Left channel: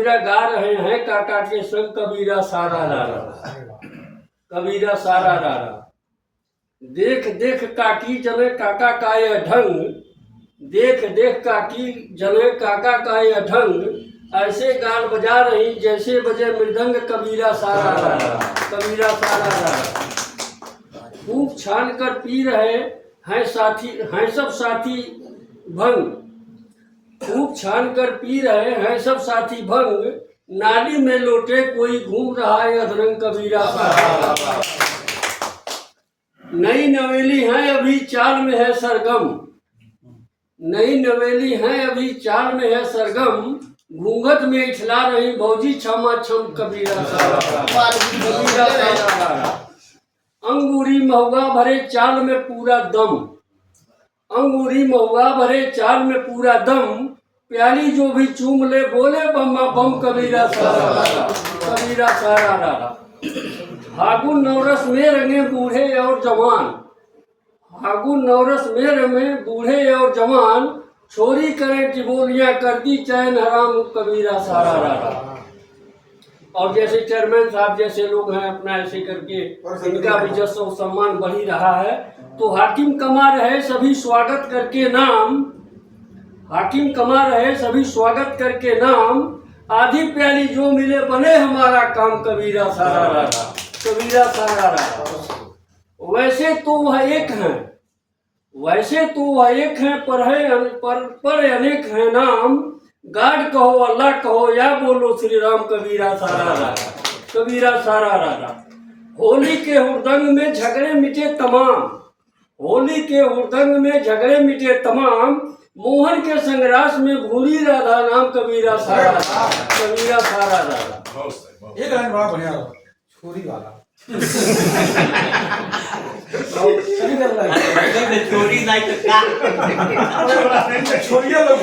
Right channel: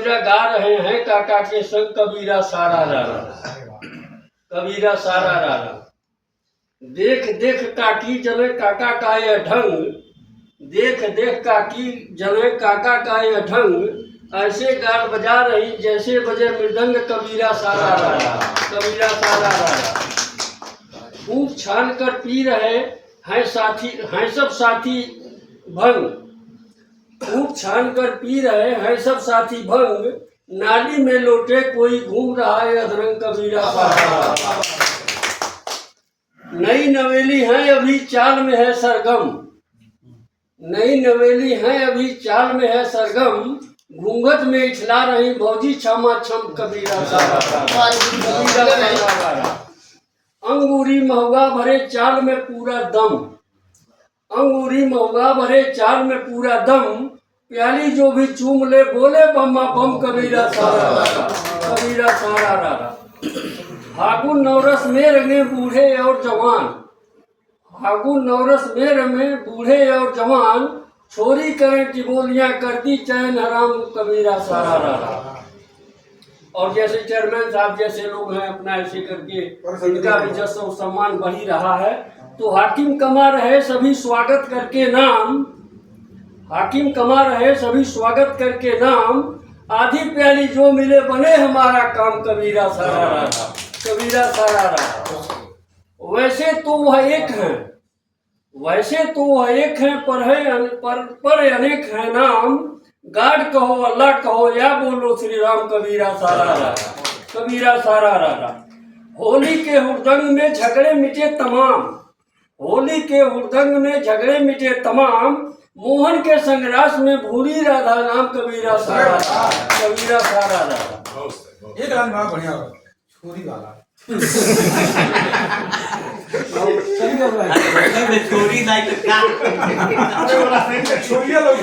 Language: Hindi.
कबीरा गा रहे हैं काका के संग कबीरा सारा रारा, कबीरा सारा रारा। देख देख काकी जने काका का ये ढंग, देख देख काकी जने काका का ये ढंग, ऐसे गाल बजा रही जैसे बजे मृदंग कबीरा सारा रारा, कबीरा सारा रारा। खूब छान कर पी रहे हैं साथी, हैं सब साथी भंग, खूब छान कर पी रहे हैं सब साथी भंग, नाली में लोटे कोई घूम रहा है अधरंग कबीरा सारा। नई नवेली है अभी चाल में है सरगम, नई नवेली है अभी चाल में है सरगम, घूंघट में इछला रही भौजी छमा छम कबीरा सारा, कबीरा सारा। अंगूरी महुआ भरे चाल में पूरा दम, अंगूरी महुआ भरे चाल में पूरा दम, प्याली जो भी चूम ले बोले बम्मा बम कबीरा सारा, कबीरा सारा रारा। फागुन नवरस में रंगे बूढ़े और जवान, फागुन नवरस में रंगे बूढ़े और जवान, छोरी करें टिबोलियां करती चैन हराम कबीरा सारा रारा। और जैसे चेयरमैन साहब जैसे लोग हैं अपना ऐसे करके इनका भी जश्न और सम्मान बढ़ ही रहा है। तो हाकिम कमा रहे सभी स्वागत करके नाम, हाकिम कमा रहे सभी स्वागत करके नाम, आधी प्याली जो मिले बने हमारा काम कबीरा सारा रारा, कबीरा सारा रारा। वैसे तो वह एक है, वैसे तो वह एक है पर है पर अनेक है नाम, गाड कहो अल्लाह कहो या बोलो श्री राम कबीरा सारा रारा, कबीरा सारा रारा। होली के हुड़दंग में झगड़े मिटे तमाम, होली के हुड़दंग में झगड़े मिटे तमाम, मोहन के संग्रास में भूली राधा नाम कबीरा सारा, कबीरा सारा रारा। एक लाइन बड़ा बढ़िया छोरी वाला छोरी नहीं तो क्या छोरिया लोग